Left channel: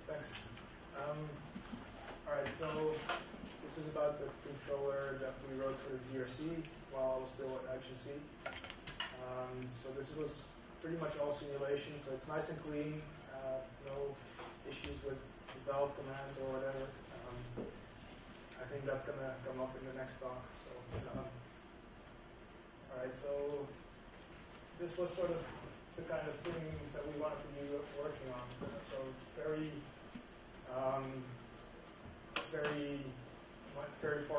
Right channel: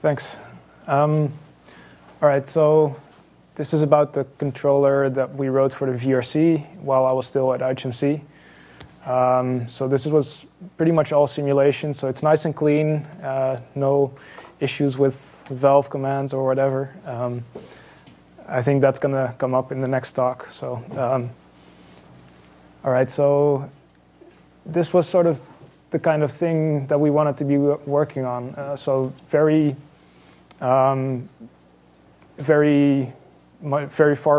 Thanks. All right, so this is about the controller that we wrote for the VRC while I was still at IHMC. So this was pretty much all simulation, so it's nice and clean, no issues with valve commands or whatever. I think that's going to come up in the next talk. So, all right, so this was sort of the kind of thing that we wanted to be working on. So very far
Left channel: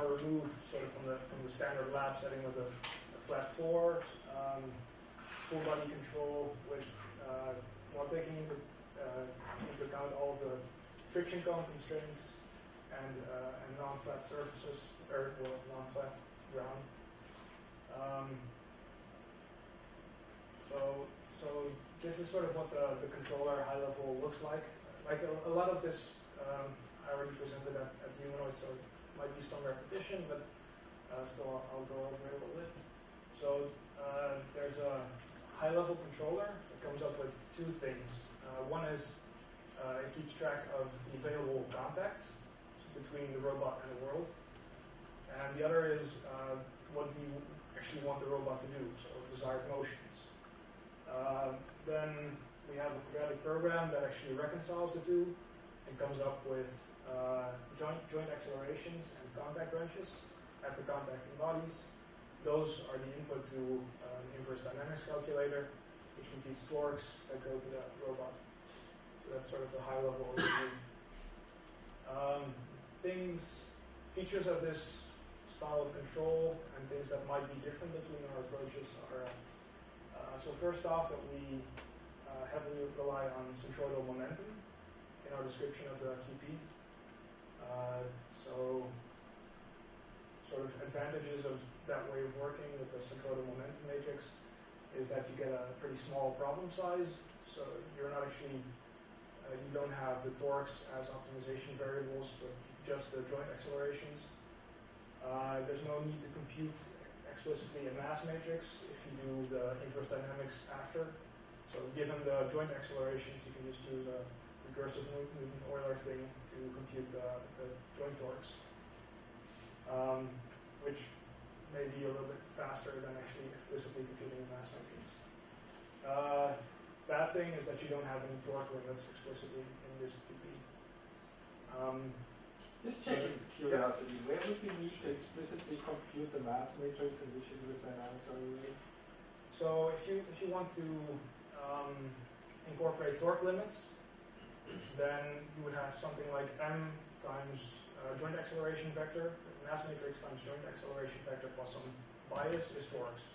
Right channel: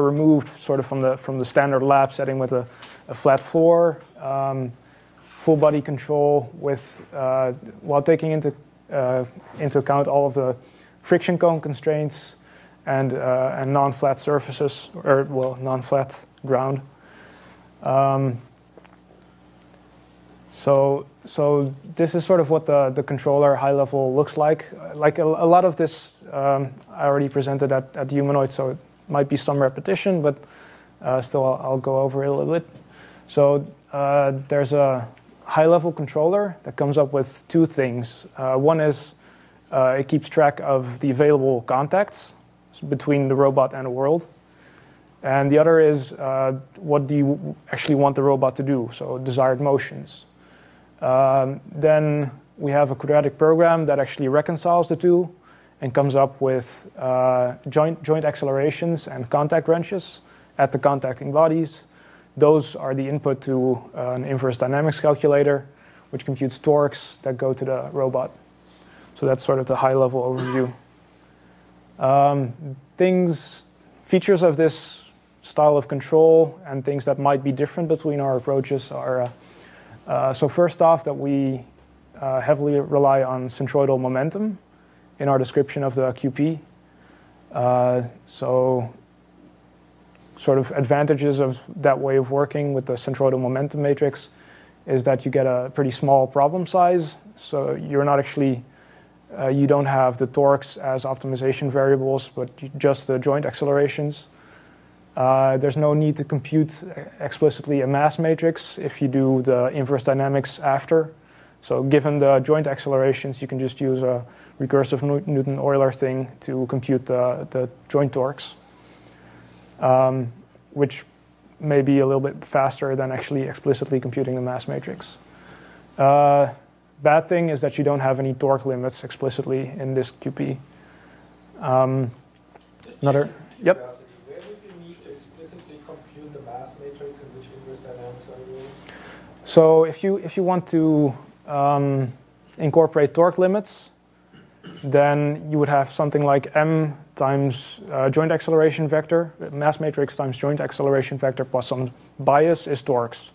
removed, sort of from the standard lab setting with a flat floor, full body control with while taking into account all of the friction cone constraints and non-flat surfaces, or well, non-flat ground. So this is sort of what the controller high level looks like. Like a lot of this I already presented at Humanoid, so it might be some repetition, but still I'll go over it a little bit. So there's a high level controller that comes up with two things. One is it keeps track of the available contacts between the robot and the world. And the other is what do you actually want the robot to do, so desired motions. Then we have a quadratic program that actually reconciles the two and comes up with joint accelerations and contact wrenches at the contacting bodies. Those are the input to an inverse dynamics calculator, which computes torques that go to the robot. So that's sort of the high-level overview. Features of this style of control and things that might be different between our approaches are, so first off, that we heavily rely on centroidal momentum in our description of the QP. So sort of advantages of that way of working with the centroidal momentum matrix is that you get a pretty small problem size. So you're not actually, you don't have the torques as optimization variables, but just the joint accelerations. There's no need to compute explicitly a mass matrix if you do the inverse dynamics after. So given the joint accelerations, you can just use a recursive Newton-Euler thing to compute the joint torques, which may be a little bit faster than actually explicitly computing the mass matrix. Bad thing is that you don't have any torque limits explicitly in this QP. Another, yep. Where would you need to explicitly compute the mass matrix in which inverse dynamics are used? So if you want to incorporate torque limits, then you would have something like m times joint acceleration vector, mass matrix times joint acceleration vector plus some bias is torques.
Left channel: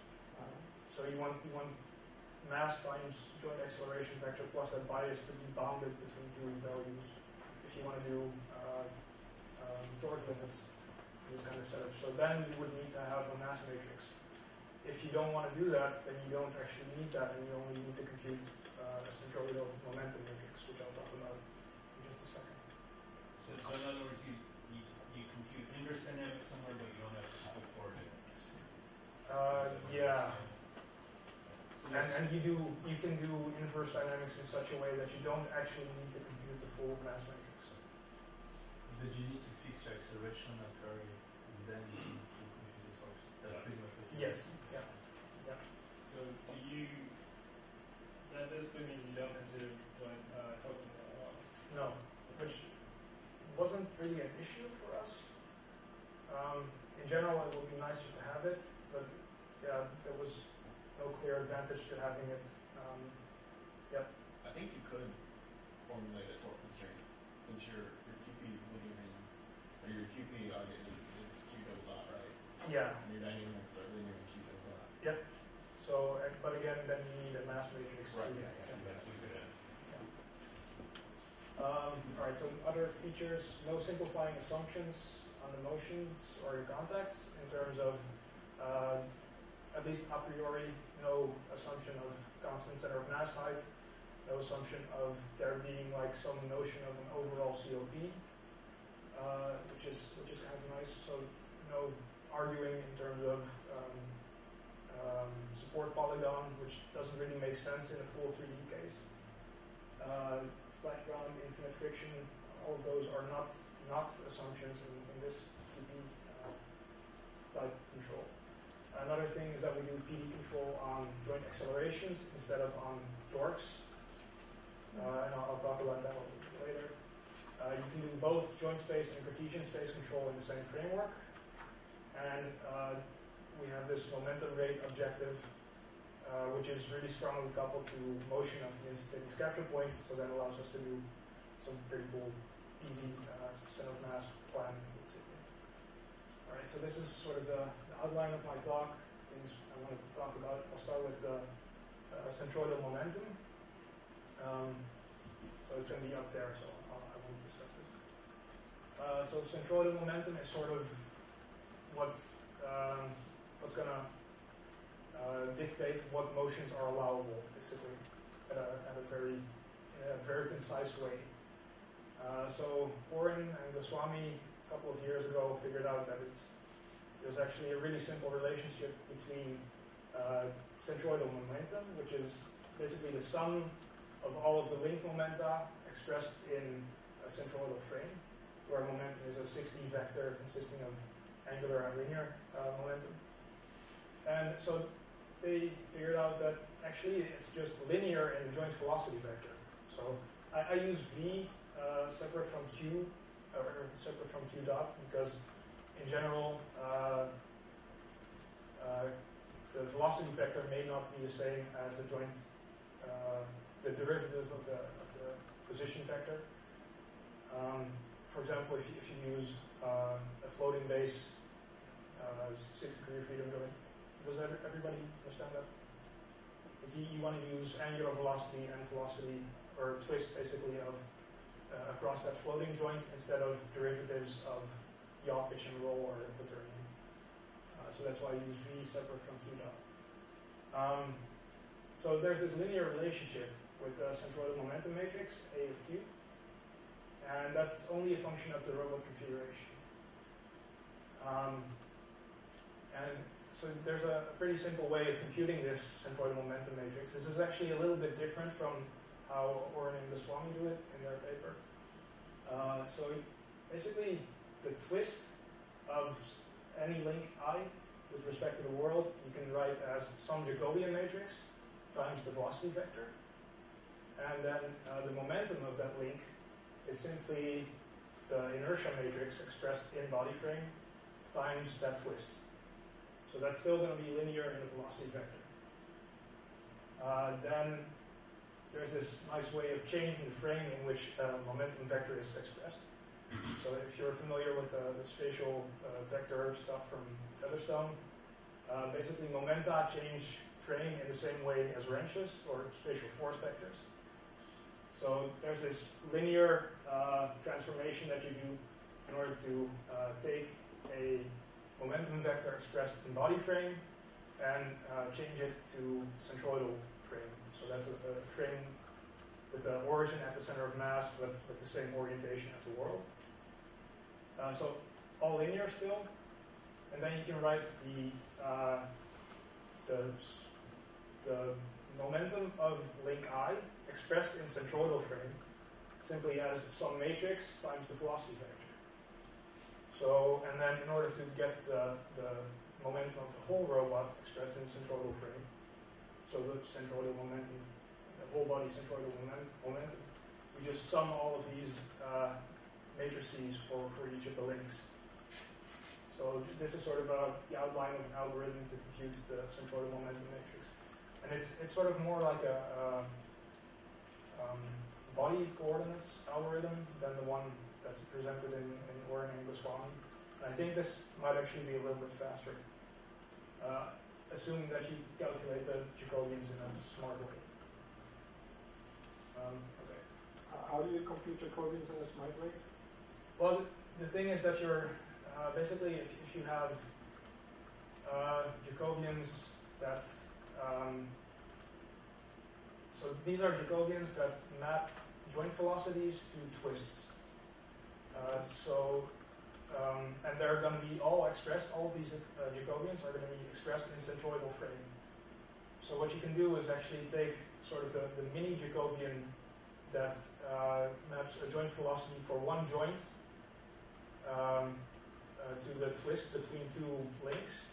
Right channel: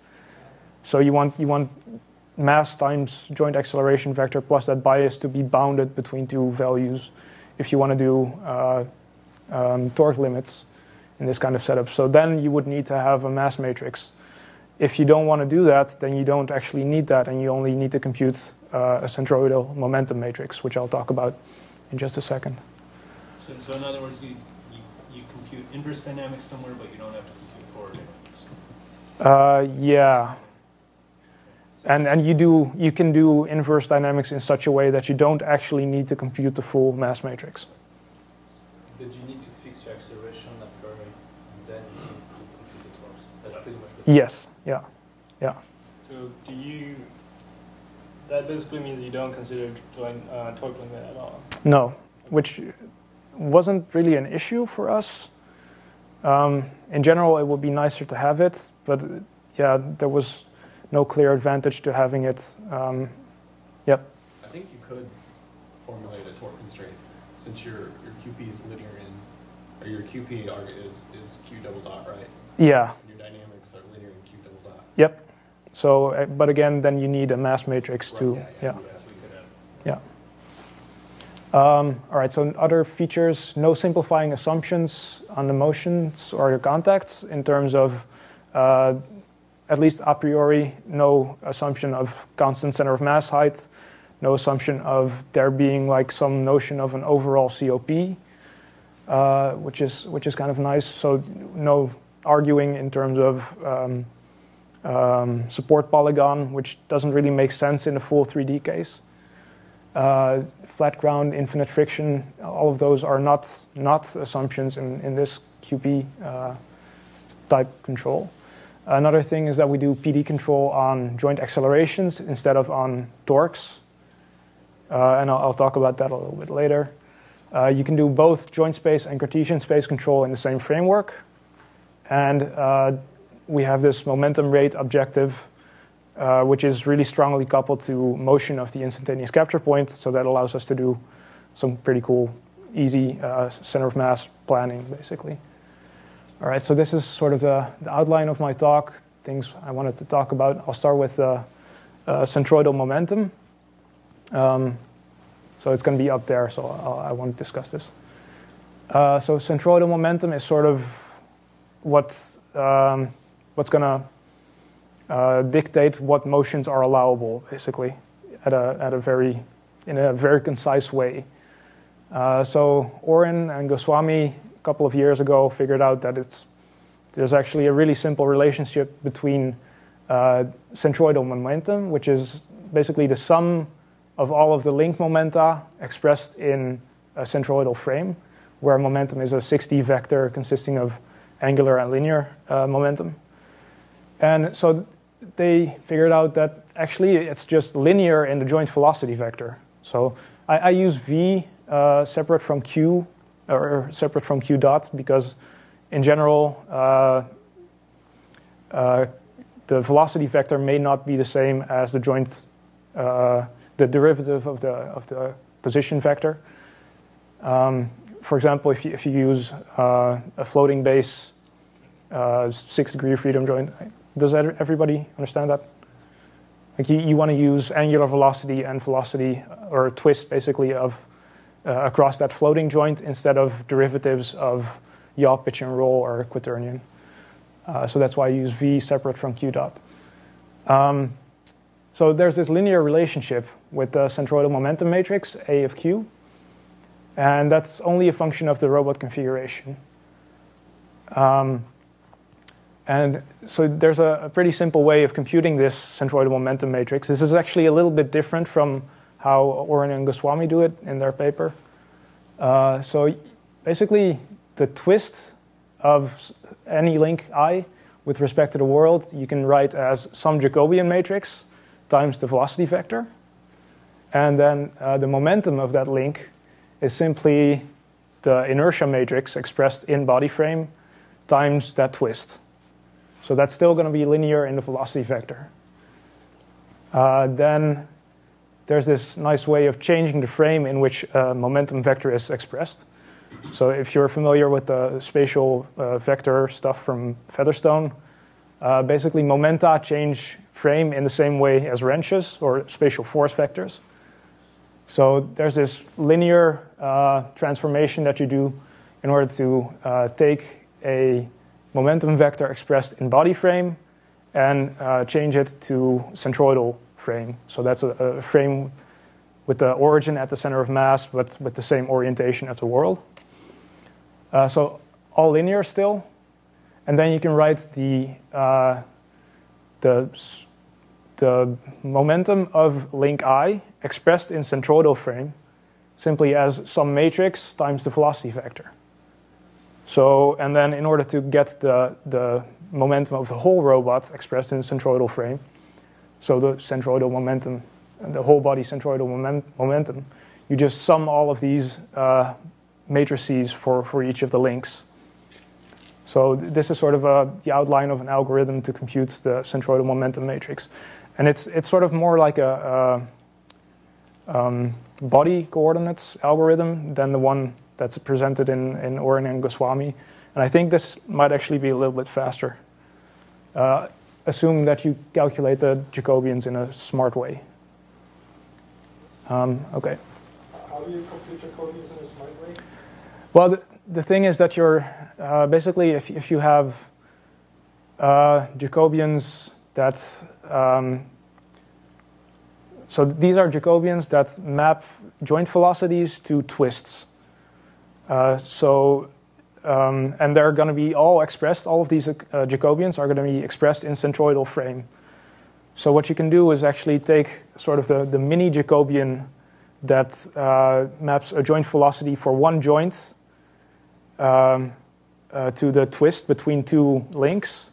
So you want mass times joint acceleration vector plus that bias to be bounded between two values if you want to do torque limits in this kind of setup. So then you would need to have a mass matrix. If you don't want to do that, then you don't actually need that, and you only need to compute a centroidal momentum matrix, which I'll talk about in just a second. So in other words, you compute inverse dynamics somewhere, but you don't have to compute forward dynamics. Yeah. And you can do inverse dynamics in such a way that you don't actually need to compute the full mass matrix. But you need to fix your acceleration at curve, and then you compute the torques. That's pretty much Yes. Yeah. Yeah. So that basically means you don't consider torque limit at all? No, which wasn't really an issue for us. In general, it would be nicer to have it, but yeah, there was no clear advantage to having it. Yep. I think you could formulate a torque constraint since your QP is linear or your QP is Q double dot, right? Yeah. Your dynamics are linear in Q double dot. Yep. So, but again, then you need a mass matrix to, yeah. Yeah. All right, so other features, no simplifying assumptions on the motions or the contacts in terms of, at least a priori, no assumption of constant center of mass height, no assumption of there being like some notion of an overall COP, which is kind of nice. So no arguing in terms of support polygon, which doesn't really make sense in a full 3D case. flat ground, infinite friction, all of those are not assumptions in this QP type control. Another thing is that we do PD control on joint accelerations instead of on torques. And I'll talk about that a little bit later. You can do both joint space and Cartesian space control in the same framework. And we have this momentum rate objective, which is really strongly coupled to motion of the instantaneous capture point. So that allows us to do some pretty cool, easy center of mass planning, basically. All right, so this is sort of the outline of my talk, things I wanted to talk about. I'll start with centroidal momentum. So it's going to be up there, so I won't discuss this. So centroidal momentum is sort of what's going to dictate what motions are allowable, basically, in a very concise way. So Oren and Goswami a couple of years ago figured out that there's actually a really simple relationship between centroidal momentum, which is basically the sum of all of the link momenta expressed in a centroidal frame, where momentum is a 6D vector consisting of angular and linear momentum. And so they figured out that actually it's just linear in the joint velocity vector. So I use V separate from Q, or separate from Q dot, because in general, the velocity vector may not be the same as the joint, the derivative of the position vector. For example, if you use a floating base 6-degree freedom joint, does everybody understand that? Like you want to use angular velocity and velocity, or twist basically, of across that floating joint instead of derivatives of yaw, pitch, and roll, or quaternion. So that's why I use V separate from Q dot. So there's this linear relationship with the centroidal momentum matrix, A of Q. And that's only a function of the robot configuration. And so there's a pretty simple way of computing this centroidal momentum matrix. This is actually a little bit different from how Oren and Goswami do it in their paper. So basically, the twist of any link I with respect to the world, you can write as some Jacobian matrix times the velocity vector. And then the momentum of that link is simply the inertia matrix expressed in body frame times that twist. So that's still going to be linear in the velocity vector. Then there's this nice way of changing the frame in which momentum vector is expressed. So if you're familiar with the spatial vector stuff from Featherstone, basically momenta change frame in the same way as wrenches or spatial force vectors. So there's this linear transformation that you do in order to take a momentum vector expressed in body frame and change it to centroidal frame. So that's a frame with the origin at the center of mass, but with the same orientation as the world. So all linear still. And then you can write the momentum of link I expressed in centroidal frame simply as some matrix times the velocity vector. So, and then in order to get the momentum of the whole robot expressed in centroidal frame, so the centroidal momentum, the whole body centroidal momentum, you just sum all of these matrices for each of the links. So this is sort of the outline of an algorithm to compute the centroidal momentum matrix. And it's sort of more like a body coordinates algorithm than the one that's presented in Oren and Goswami. And I think this might actually be a little bit faster. Assume that you calculate the Jacobians in a smart way. Okay. How do you compute Jacobians in a smart way? Well, the thing is that you're basically, if you have Jacobians that, so these are Jacobians that map joint velocities to twists. And they're going to be all expressed, all of these Jacobians are going to be expressed in centroidal frame. So what you can do is actually take sort of the mini Jacobian that maps a joint velocity for one joint to the twist between two links.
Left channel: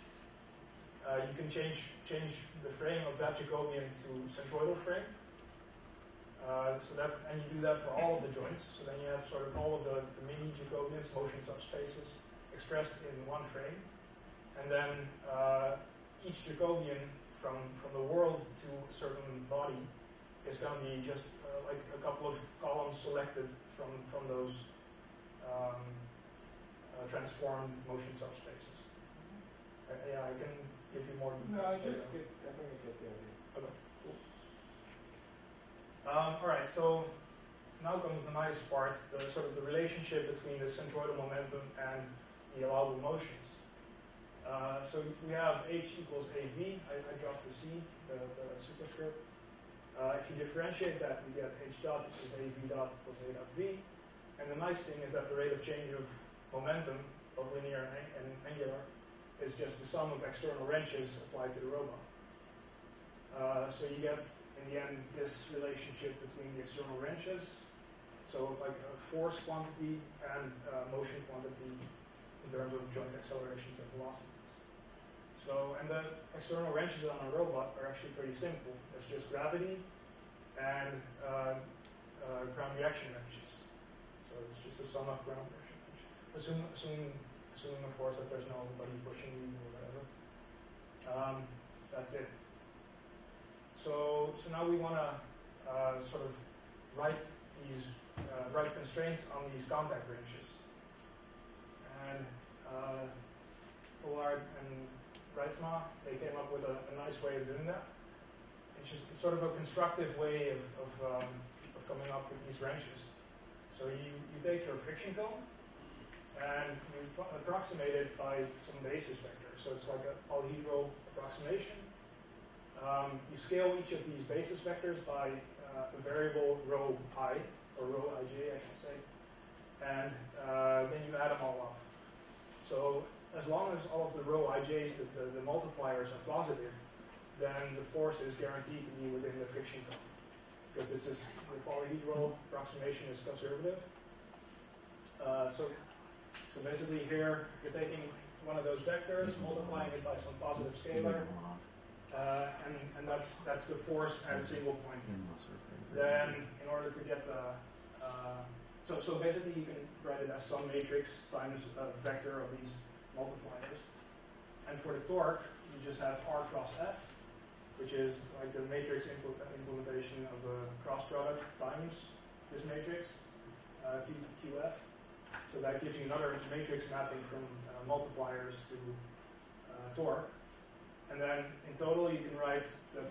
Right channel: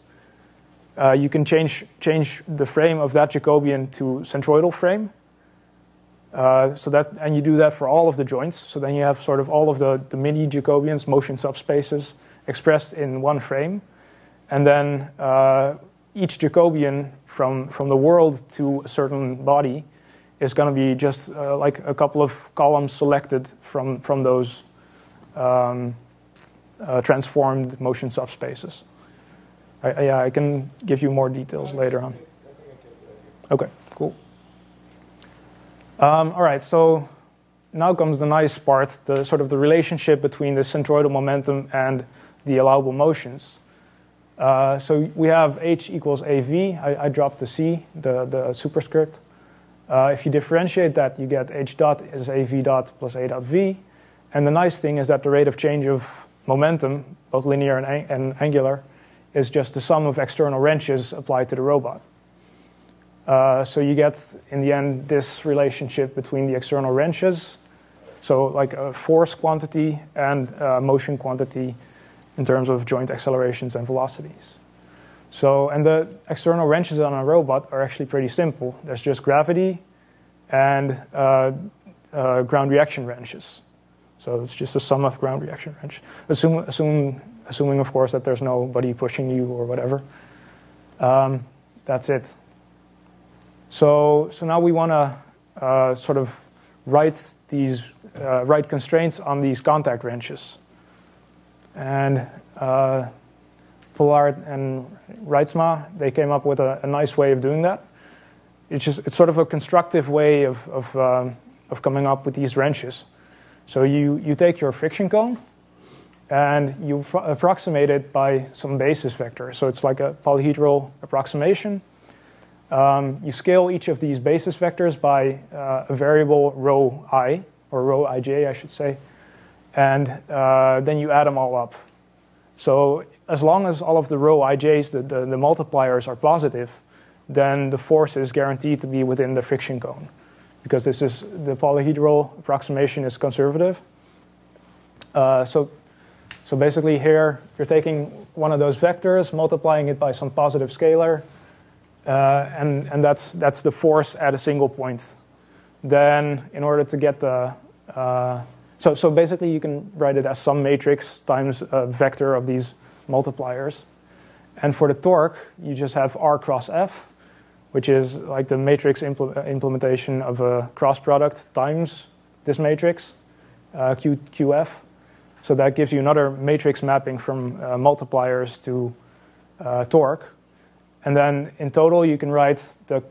You can change the frame of that Jacobian to centroidal frame. And you do that for all of the joints. So then you have sort of all of the mini Jacobians, motion subspaces, expressed in one frame. And then each Jacobian from the world to a certain body is going to be just like a couple of columns selected from those transformed motion subspaces. I can give you more details later on. Okay, cool. All right, so now comes the nice part, the sort of the relationship between the centroidal momentum and the allowable motions. So we have h equals av. I dropped the c, the superscript. If you differentiate that, you get h dot is av dot plus a dot v. And the nice thing is that the rate of change of momentum, both linear and angular, is just the sum of external wrenches applied to the robot. So you get, in the end, this relationship between the external wrenches, so like a force quantity and motion quantity in terms of joint accelerations and velocities. So, and the external wrenches on a robot are actually pretty simple. There's just gravity and ground reaction wrenches. So it's just a sum of ground reaction wrench. Assuming, of course, that there's nobody pushing you or whatever. That's it. So now we want to sort of write constraints on these contact wrenches. And Pollard and Reitsma, they came up with a nice way of doing that. It's sort of a constructive way of coming up with these wrenches. So you take your friction cone and you approximate it by some basis vector. So it's like a polyhedral approximation. You scale each of these basis vectors by a variable rho I, or rho ij, I should say. And then you add them all up. So as long as all of the rho ij's, the multipliers, are positive, then the force is guaranteed to be within the friction cone, because the polyhedral approximation is conservative. So basically here, you're taking one of those vectors, multiplying it by some positive scalar, and that's the force at a single point. Then in order to get the... So basically you can write it as some matrix times a vector of these multipliers. And for the torque, you just have R cross F, which is like the matrix implementation of a cross product times this matrix, QF. So that gives you another matrix mapping from multipliers to torque. And then in total, you can write the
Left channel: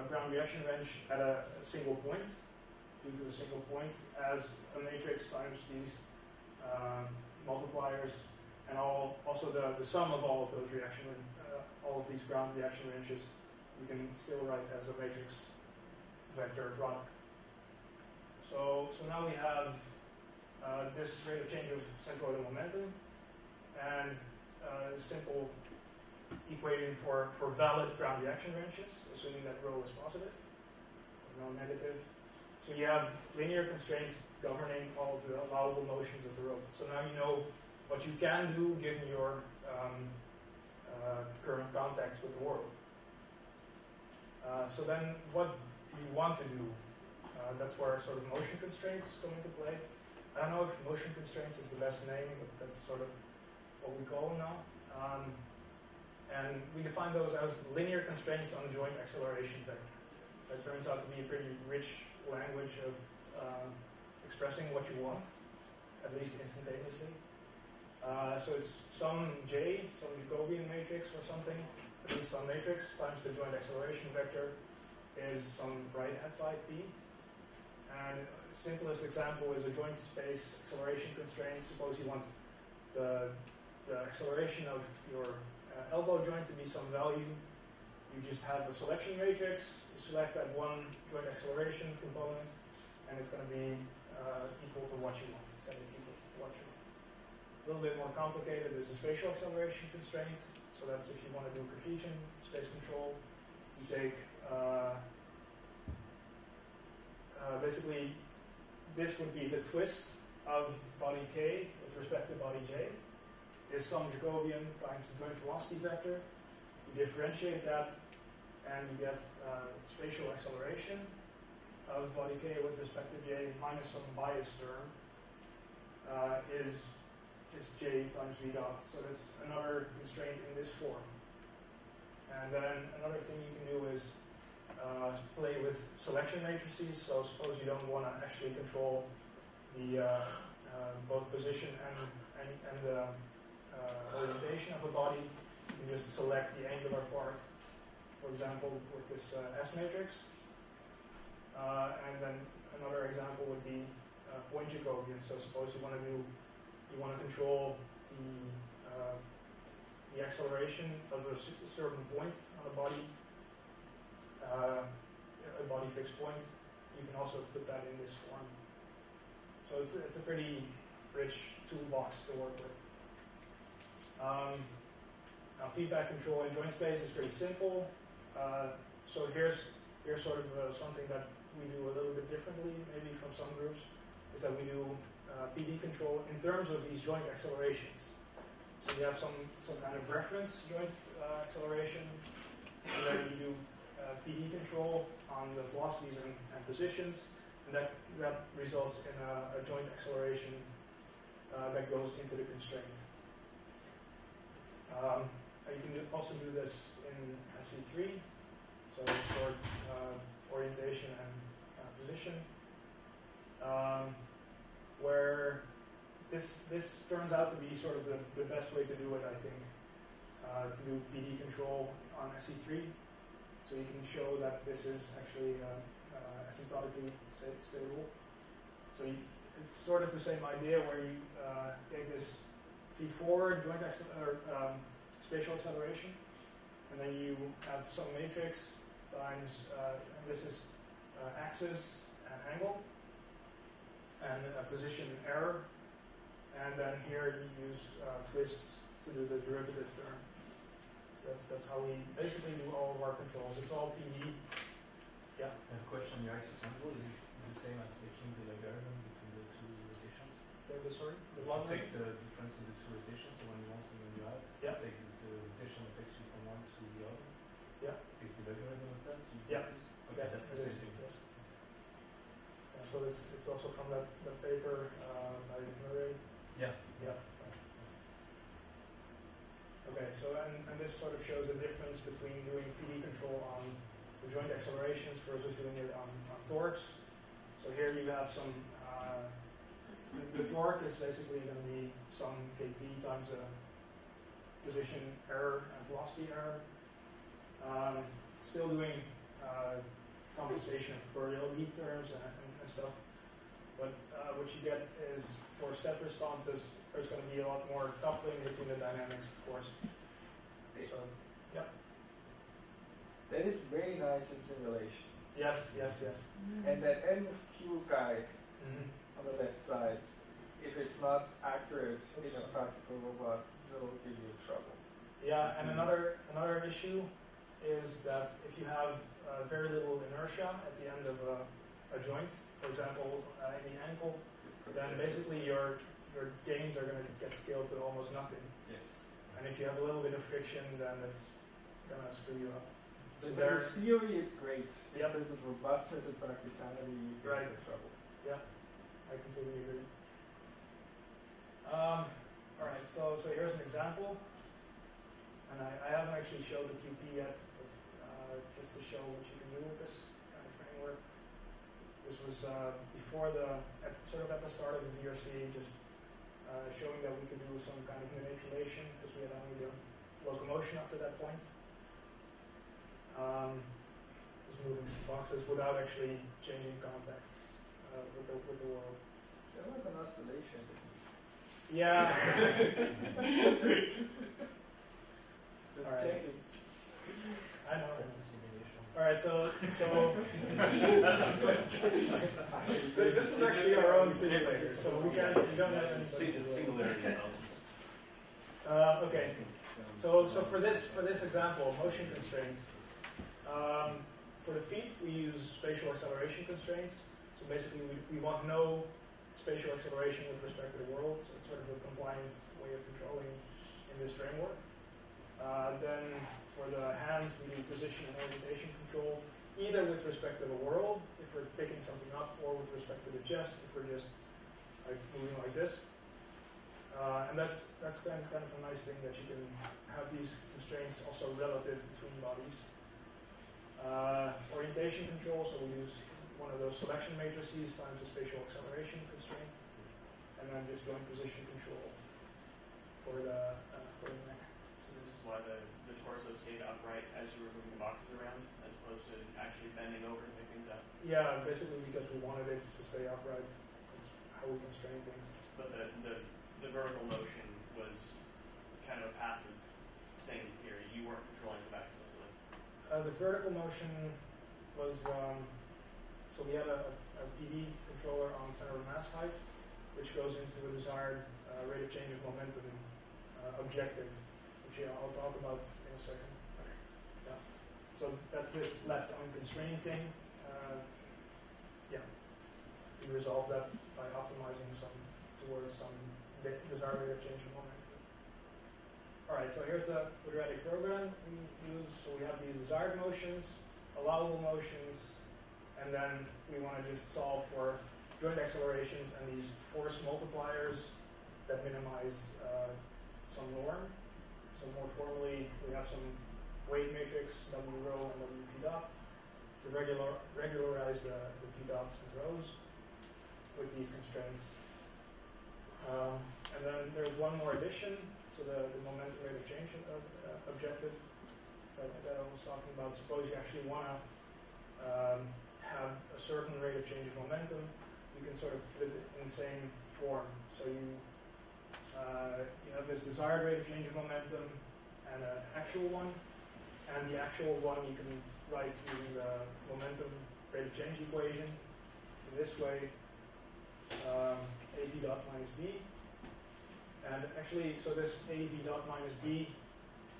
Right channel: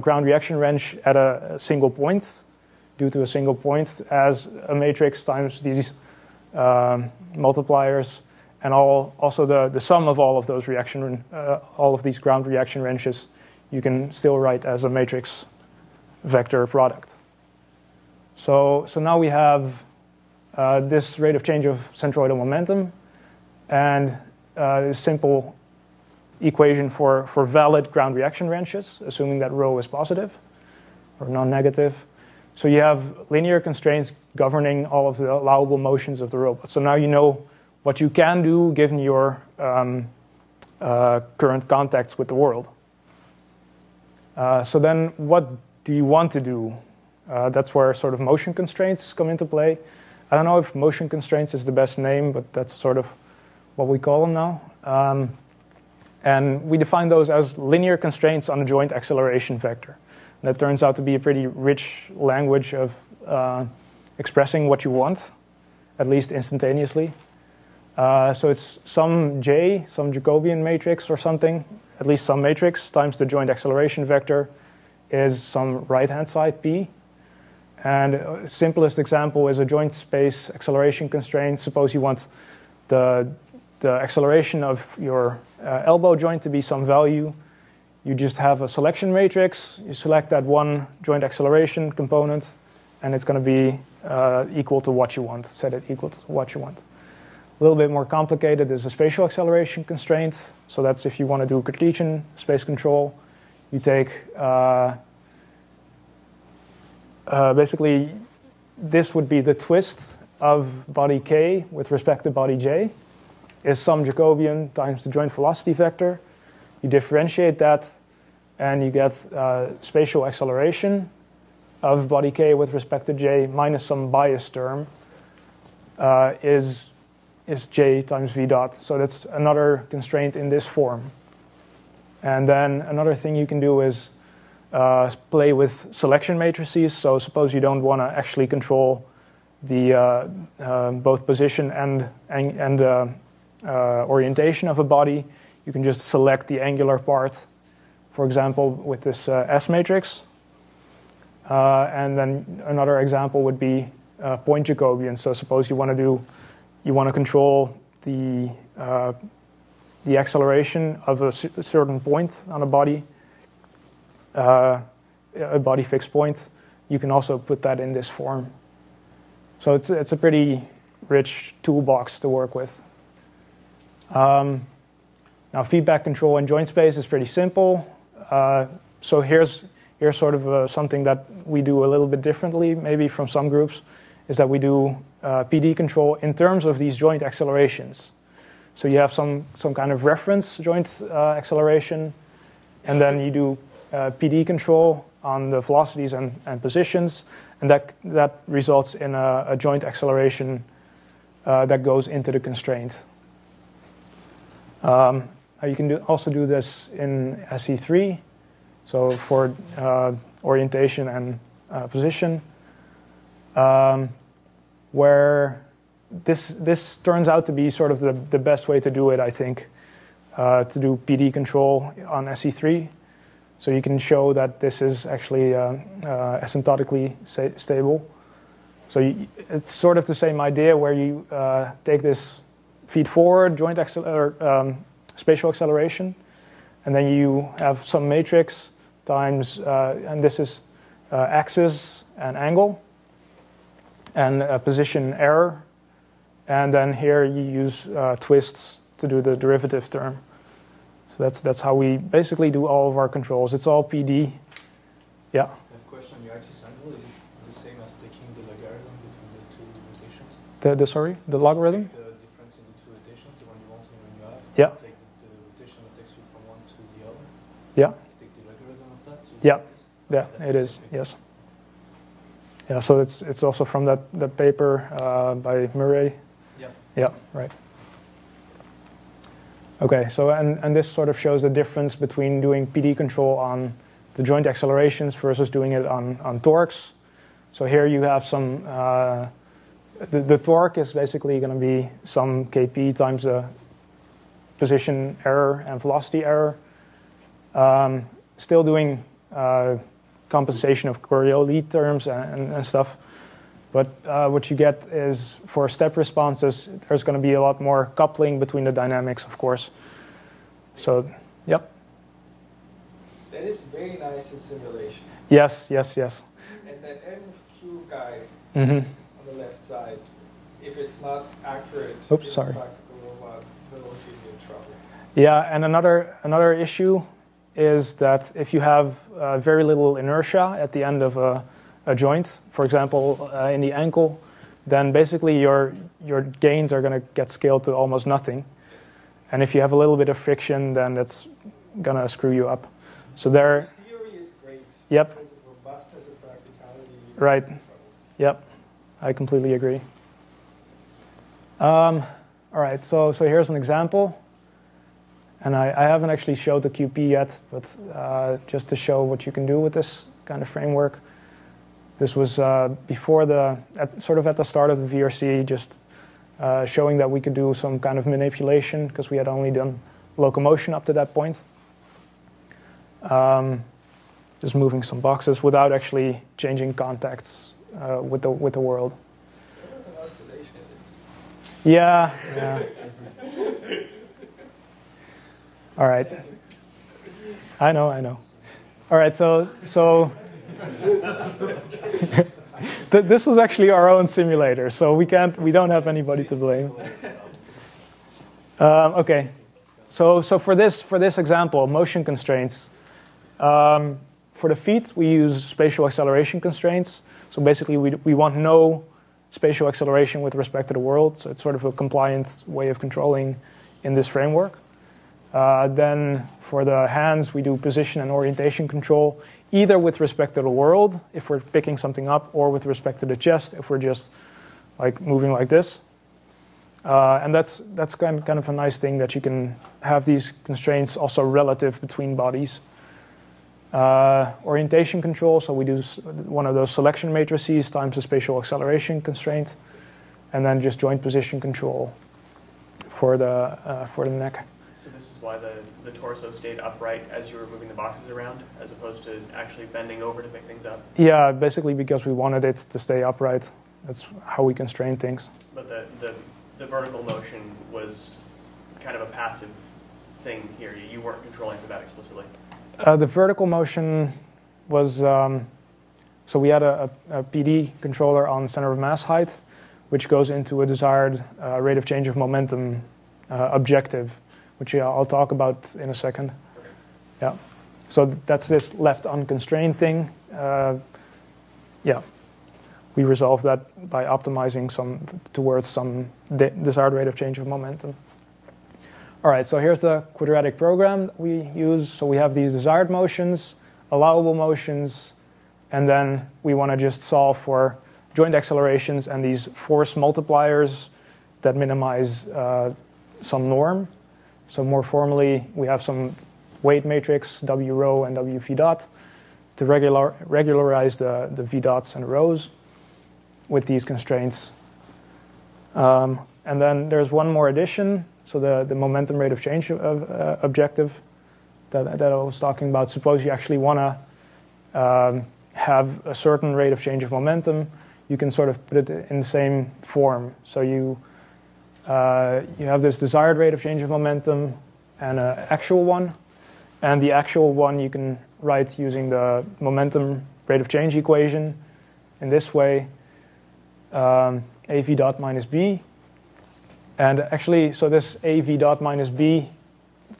ground reaction wrench at a single point, due to a single point, as a matrix times these multipliers, and also the sum of all of those all of these ground reaction wrenches, you can still write as a matrix vector product. So now we have this rate of change of centroidal momentum, and this simple equation for valid ground reaction wrenches, assuming that rho is positive or non-negative. So you have linear constraints governing all of the allowable motions of the robot. So now you know what you can do given your current contacts with the world. So then what do you want to do? That's where sort of motion constraints come into play. I don't know if motion constraints is the best name, but that's sort of what we call them now. And we define those as linear constraints on a joint acceleration vector. And that turns out to be a pretty rich language of expressing what you want, at least instantaneously. So it's some J, some Jacobian matrix or something, at least some matrix, times the joint acceleration vector is some right-hand side P. And simplest example is a joint space acceleration constraint. Suppose you want the acceleration of your elbow joint to be some value. You just have a selection matrix. You select that one joint acceleration component, and it's going to be equal to what you want. Set it equal to what you want. A little bit more complicated is a spatial acceleration constraint. So that's if you want to do Cartesian space control. You take basically, this would be the twist of body k with respect to body j, is some Jacobian times the joint velocity vector. You differentiate that, and you get spatial acceleration of body k with respect to j minus some bias term is j times v dot. So that's another constraint in this form. And then another thing you can do is play with selection matrices. So suppose you don't want to actually control the both position and orientation of a body. You can just select the angular part, for example, with this S matrix. And then another example would be point Jacobian. So suppose you want to control the acceleration of a certain point on a body fixed point. You can also put that in this form. So it's a pretty rich toolbox to work with. Now feedback control in joint space is pretty simple. So here's sort of something that we do a little bit differently, maybe from some groups, is that we do PD control in terms of these joint accelerations. So you have some kind of reference joint acceleration, and then you do PD control on the velocities and positions, and that results in a joint acceleration that goes into the constraint. You can also do this in SE3, so for orientation and position, where this turns out to be sort of the best way to do it, I think, to do PD control on SE3. So you can show that this is actually asymptotically stable. So it's sort of the same idea where you take this feed forward joint spatial acceleration, and then you have some matrix times, and this is axis and angle, and position error. And then here you use twists to do the derivative term. So that's how we basically do all of our controls. It's all PD. Yeah. I have a question. Your axis angle, is it the same as taking the logarithm between the two rotations? Sorry, the logarithm? The difference in the two rotations, the one you want and the other. Yeah. Take the rotation that takes you from one to the other. Yeah. Take the logarithm of that. Yeah. Yeah, it is. Yes. Yeah. So it's also from that paper by Murray. Yeah. Yeah. Right. Okay. So and this sort of shows the difference between doing PD control on the joint accelerations versus doing it on torques. So here you have some. The torque is basically going to be some Kp times the position error and velocity error. Still doing compensation of Coriolis terms and stuff. But what you get is, for step responses, there's going to be a lot more coupling between the dynamics, of course. So, yep. That is very nice in simulation. Yes, yes, yes. And that M of Q guy Mm-hmm. on the left side, if it's not accurate, Oops, sorry. it'll give you trouble. Yeah, and another issue is that if you have very little inertia at the end of a joint, for example, in the ankle, then basically your gains are going to get scaled to almost nothing. And if you have a little bit of friction, then that's going to screw you up. So there. Theory is great. Yep. In terms of robustness and practicality. Right. Trouble. Yep. I completely agree. All right. So here's an example. And I haven't actually showed the QP yet, but just to show what you can do with this kind of framework. This was before sort of at the start of the VRC, just showing that we could do some kind of manipulation because we had only done locomotion up to that point. Just moving some boxes without actually changing contacts with the world. There was an oscillation. Yeah. Yeah. All right. I know. All right, so this was actually our own simulator, so we don't have anybody to blame. Okay, so for this example, motion constraints. For the feet, we use spatial acceleration constraints. So basically, we want no spatial acceleration with respect to the world. So it's sort of a compliant way of controlling in this framework. Then for the hands, we do position and orientation control, either with respect to the world, if we're picking something up, or with respect to the chest, if we're just like moving like this. And that's kind of a nice thing, that you can have these constraints also relative between bodies. Orientation control, so we do one of those selection matrices times the spatial acceleration constraint, and then just joint position control for the neck. So this is why the torso stayed upright as you were moving the boxes around, as opposed to actually bending over to pick things up? Yeah, basically because we wanted it to stay upright. That's how we constrain things. But the vertical motion was kind of a passive thing here. You weren't controlling for that explicitly. The vertical motion was, so we had a PD controller on center of mass height, which goes into a desired rate of change of momentum objective, which I'll talk about in a second. Okay. Yeah. So that's this left unconstrained thing. Yeah. We resolve that by optimizing towards some desired rate of change of momentum. All right, so here's the quadratic program that we use. So we have these desired motions, allowable motions, and then we want to just solve for joint accelerations and these force multipliers that minimize some norm. So more formally, we have some weight matrix, W rho and W v dot, to regularize the v dots and rhos with these constraints. And then there's one more addition. So the momentum rate of change objective that I was talking about. Suppose you actually want to have a certain rate of change of momentum, you can sort of put it in the same form. So you have this desired rate of change of momentum and an actual one. And the actual one you can write using the momentum rate of change equation in this way, AV dot minus B. And actually, so this AV dot minus B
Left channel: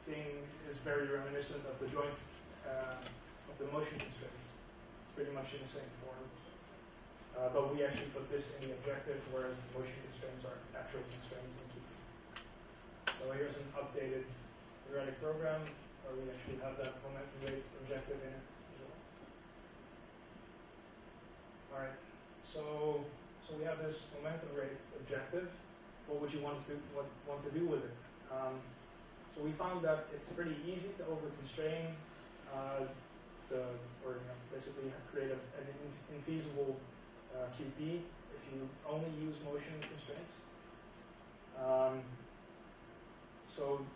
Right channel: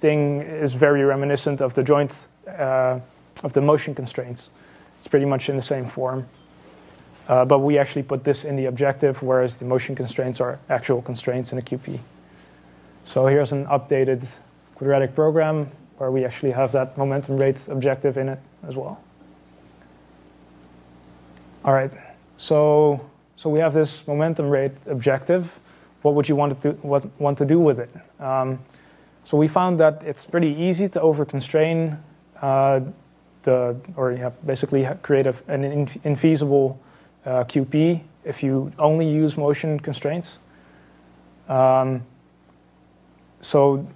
thing is very reminiscent of the joint, of the motion constraints. It's pretty much in the same form. But we actually put this in the objective, whereas the motion constraints are actual constraints in a QP. So here's an updated quadratic program where we actually have that momentum rate objective in it as well. All right, so we have this momentum rate objective. What would you want to do with it? So we found that it's pretty easy to over-constrain basically create an infeasible QP if you only use motion constraints. So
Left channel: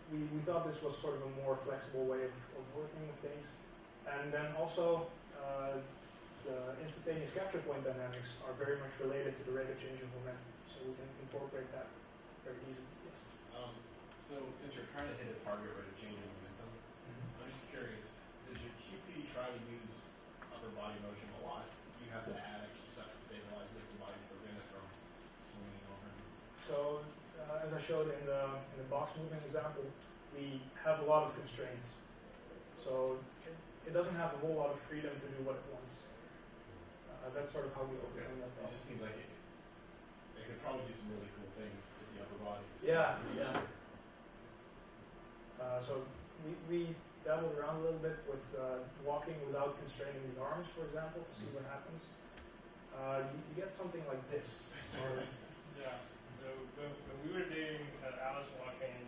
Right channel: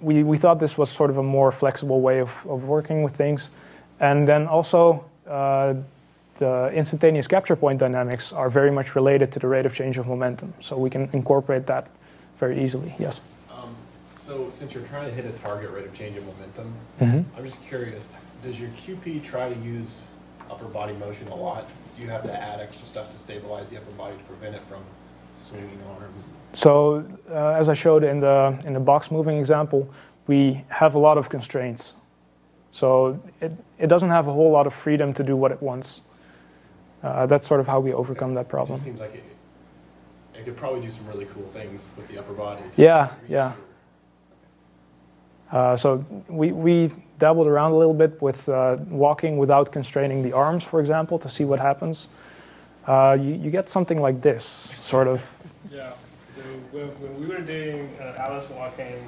we thought this was sort of a more flexible way of working with things. And then also, the instantaneous capture point dynamics are very much related to the rate of change of momentum. So we can incorporate that very easily. Yes? So since you're trying to hit a target rate of change of momentum, I'm just curious, does your QP try to use upper body motion a lot? Do you have to add extra stuff to stabilize the upper body to prevent it from swinging arms? So as I showed in the box moving example, we have a lot of constraints. So it doesn't have a whole lot of freedom to do what it wants. That's sort of how we overcome that problem. It just seems like it could probably do some really cool things with the upper body. Yeah, yeah. So we dabbled around a little bit with walking without constraining the arms, for example, to see what happens. You get something like this, sort of. Yeah. So when we were doing Alice walking, it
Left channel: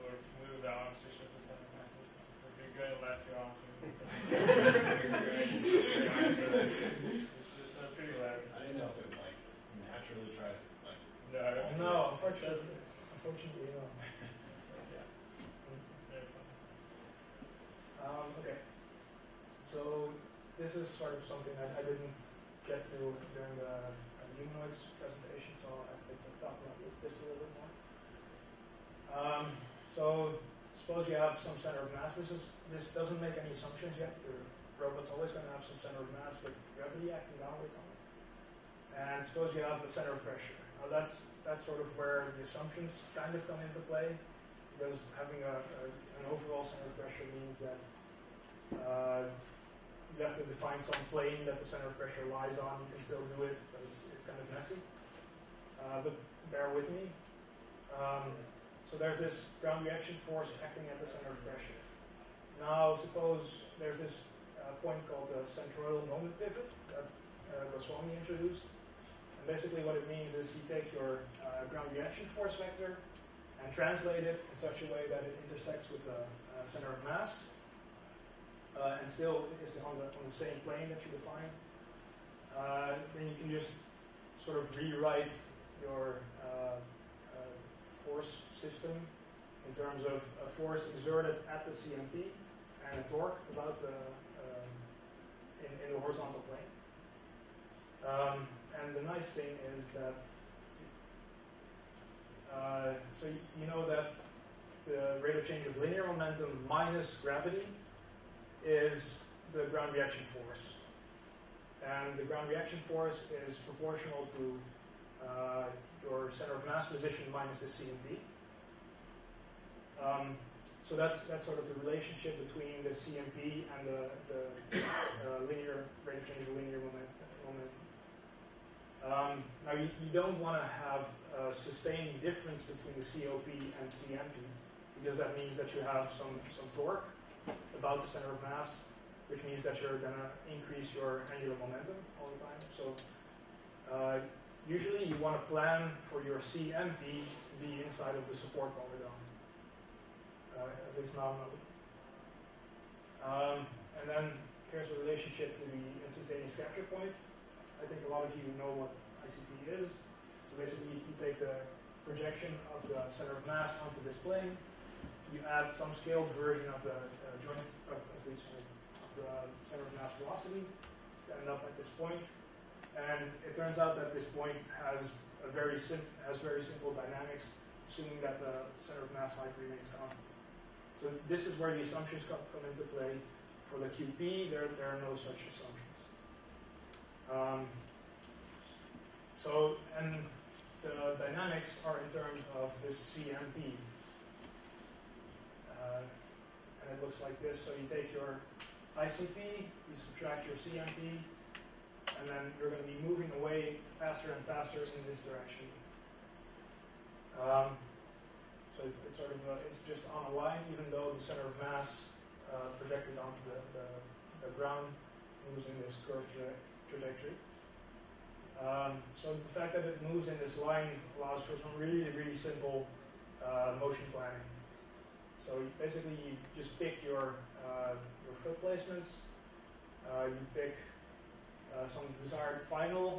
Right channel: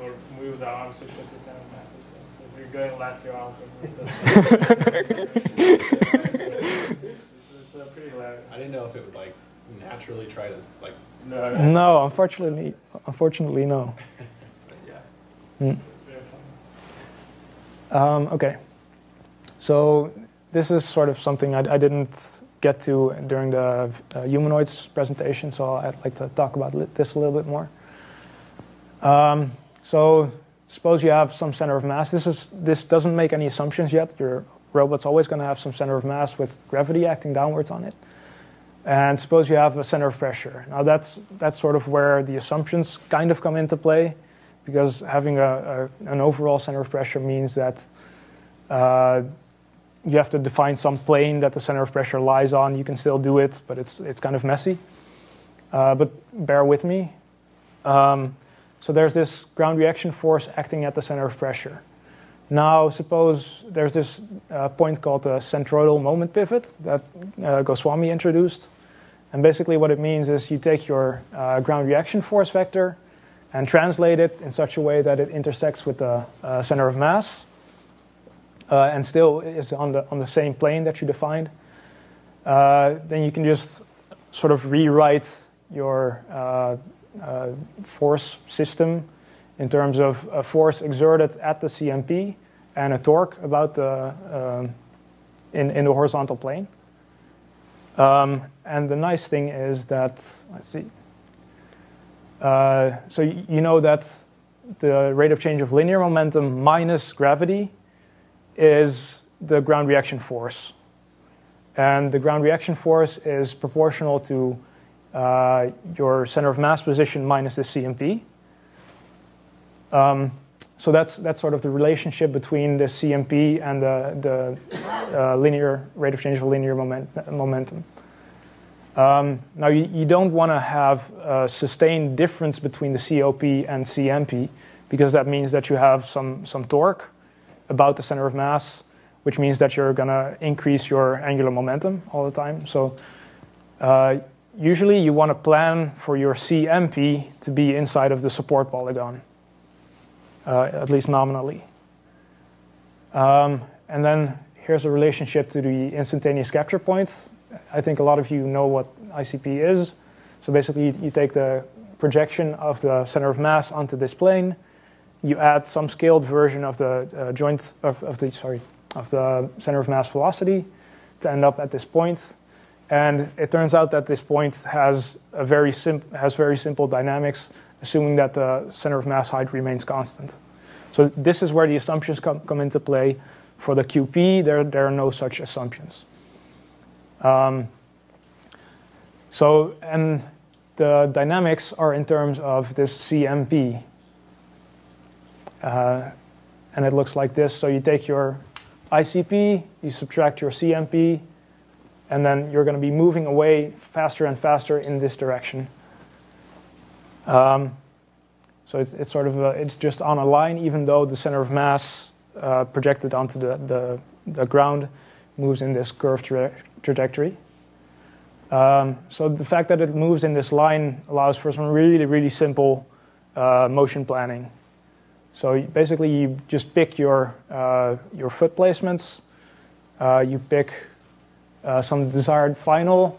will move the arms to shift the sound passes. If you're going left, your arms will move it's pretty loud. I didn't know if it would like naturally try to like. No, unfortunately, no. Yeah. Okay, so this is sort of something I didn't get to during the humanoids presentation, so I'd like to talk about this a little bit more. So suppose you have some center of mass. This doesn't make any assumptions yet. Your robot's always going to have some center of mass with gravity acting downwards on it. And suppose you have a center of pressure. Now that's sort of where the assumptions kind of come into play, because having an overall center of pressure means that you have to define some plane that the center of pressure lies on. You can still do it, but it's kind of messy. But bear with me. So there's this ground reaction force acting at the center of pressure. Now, suppose there's this point called the Centroidal Moment Pivot that Goswami introduced. And basically what it means is you take your ground reaction force vector and translate it in such a way that it intersects with the center of mass and still is on the same plane that you defined. Then you can just sort of rewrite your force system in terms of a force exerted at the CMP and a torque about the in the horizontal plane. And the nice thing is that, let's see. So you know that the rate of change of linear momentum minus gravity is the ground reaction force. And the ground reaction force is proportional to your center of mass position minus the CMP. So that's sort of the relationship between the CMP and the linear rate of change of linear momentum. Now you don't want to have a sustained difference between the COP and CMP, because that means that you have some torque about the center of mass, which means that you're going to increase your angular momentum all the time. So usually you want to plan for your CMP to be inside of the support polygon, at least nominally. And then here's a relationship to the instantaneous capture point. I think a lot of you know what ICP is. So basically you take the projection of the center of mass onto this plane. You add some scaled version of the of the center of mass velocity to end up at this point. And it turns out that this point has very simple dynamics, assuming that the center of mass height remains constant. So this is where the assumptions come into play. For the QP, there are no such assumptions. And the dynamics are in terms of this CMP. And it looks like this. So you take your ICP, you subtract your CMP, and then you're going to be moving away faster and faster in this direction. So it's sort of it's just on a line, even though the center of mass projected onto the ground moves in this curved trajectory. So the fact that it moves in this line allows for some really, really simple motion planning. So basically, you just pick your foot placements. You pick some desired final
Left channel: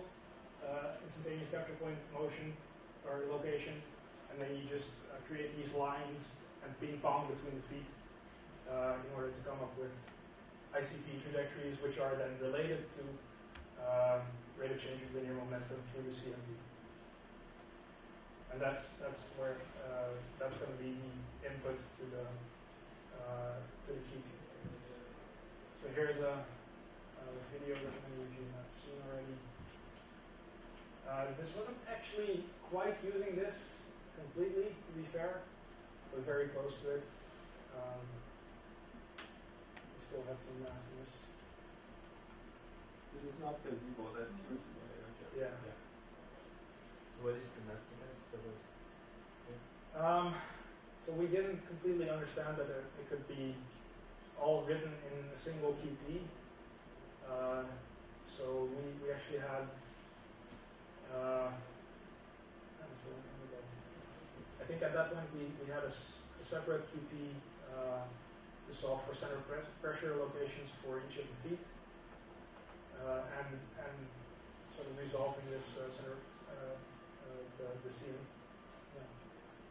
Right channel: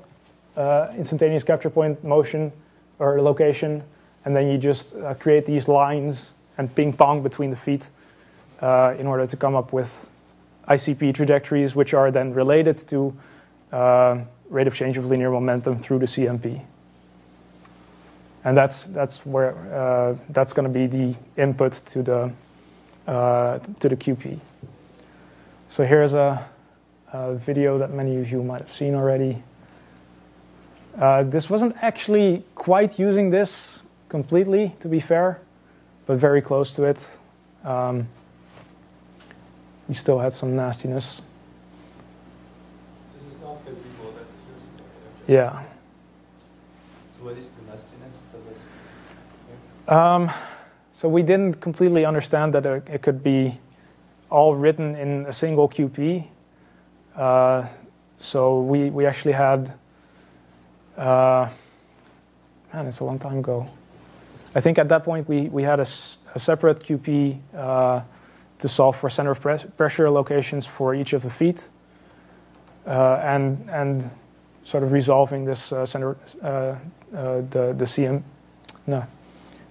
instantaneous capture point motion or location, and then you just create these lines and ping pong between the feet in order to come up with ICP trajectories, which are then related to rate of change of linear momentum through the CMP. And that's where that's going to be the input to the QP. So here's a video that many of you might have seen already. This wasn't actually quite using this completely, to be fair, but very close to it. We still had some nastiness. This is not gazebo, that's useful. Yeah. So what is the nastiness? So we didn't completely understand that it could be all written in a single QP. So we actually had, man, it's a long time ago. I think at that point we had a separate QP to solve for center of pressure locations for each of the feet, and sort of resolving this the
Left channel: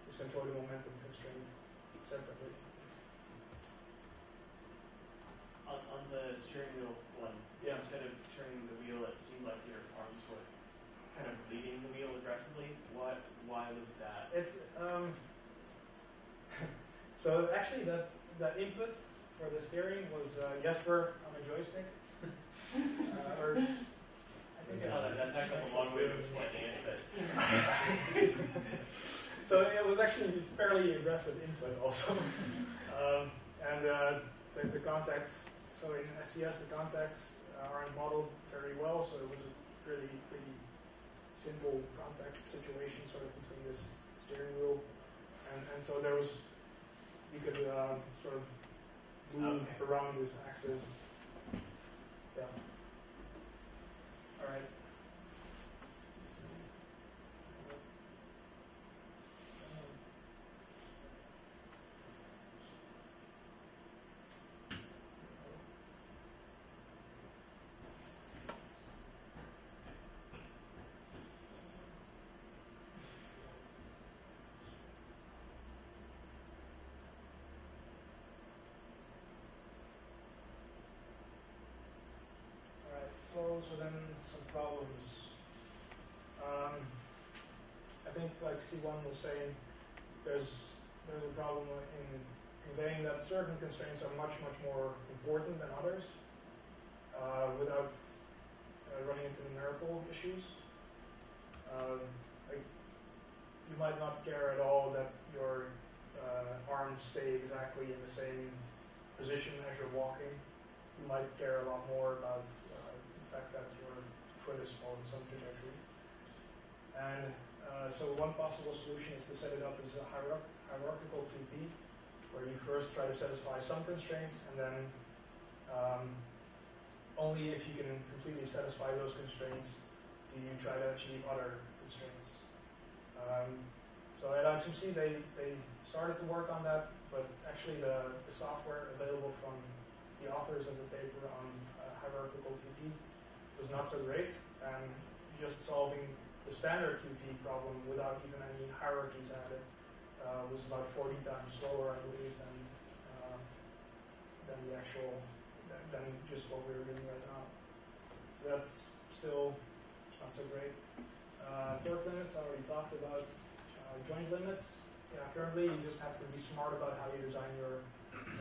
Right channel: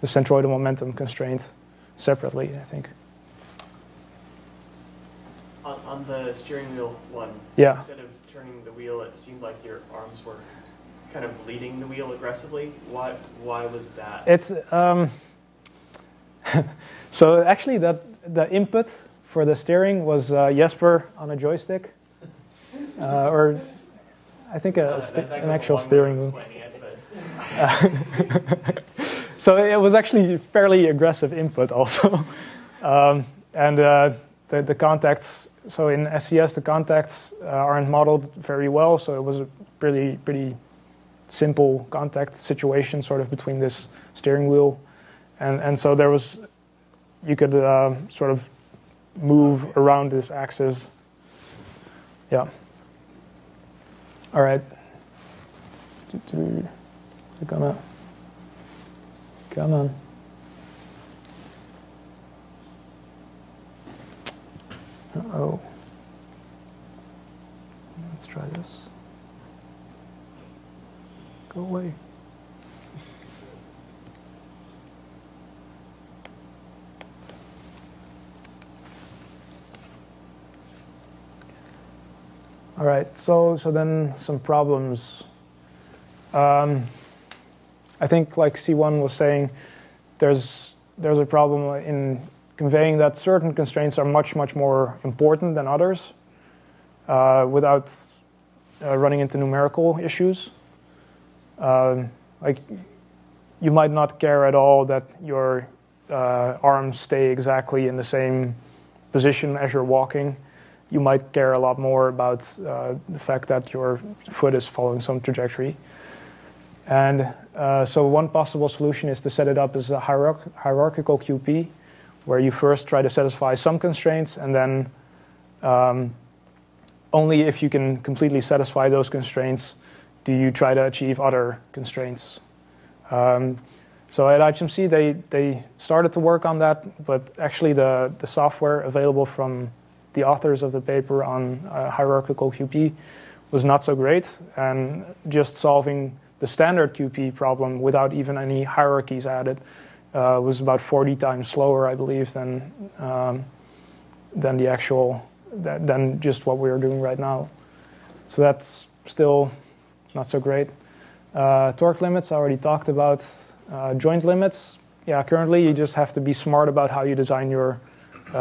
centroidal momentum constraint separately, I think. On the steering wheel one, yeah. Instead of turning the wheel, it seemed like your arms were kind of leading the wheel aggressively. Why was that? It's so actually the input for the steering was Jesper on a joystick, or I think an actual steering wheel. So it was actually fairly aggressive input also, and the contacts so in SCS, the contacts aren't modeled very well, so it was a pretty simple contact situation sort of between this steering wheel. And so there was, you could sort of move around this axis. Yeah. All right. Come on. Uh-oh. Let's try this. Go away. All right, so then some problems. I think, like C1 was saying, there's a problem in conveying that certain constraints are much more important than others without running into numerical issues. Like, you might not care at all that your arms stay exactly in the same position as you're walking. You might care a lot more about the fact that your foot is following some trajectory. And so one possible solution is to set it up as a hierarchical QP, where you first try to satisfy some constraints, and then only if you can completely satisfy those constraints do you try to achieve other constraints. So at IHMC, they started to work on that, but actually the software available from the authors of the paper on hierarchical QP was not so great, and just solving the standard QP problem without even any hierarchies added was about 40 times slower, I believe, than the actual than just what we are doing right now. So that's still not so great. Torque limits, I already talked about. Joint limits, yeah, currently you just have to be smart about how you design your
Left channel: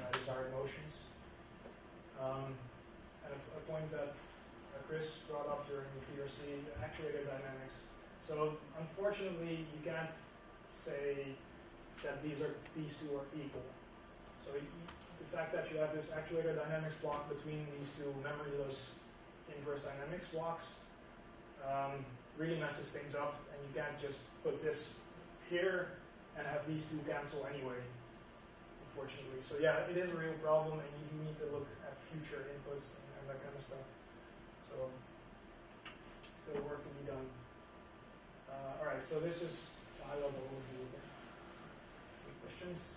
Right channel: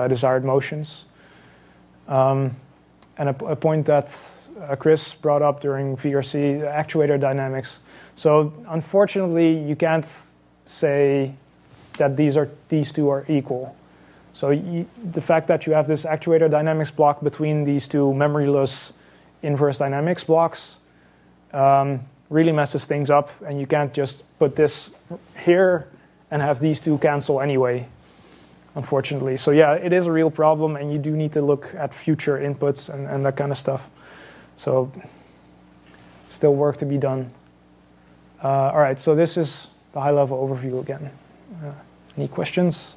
desired motions. And a point that Chris brought up during VRC, actuator dynamics. So unfortunately, you can't say that these two are equal. So the fact that you have this actuator dynamics block between these two memoryless inverse dynamics blocks really messes things up, and you can't just put this here and have these two cancel anyway, unfortunately. So yeah, it is a real problem, and you do need to look at future inputs and that kind of stuff. So still work to be done. All right, so this is the high-level overview again. Any questions?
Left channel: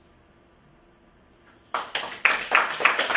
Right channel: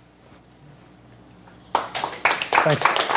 Thanks.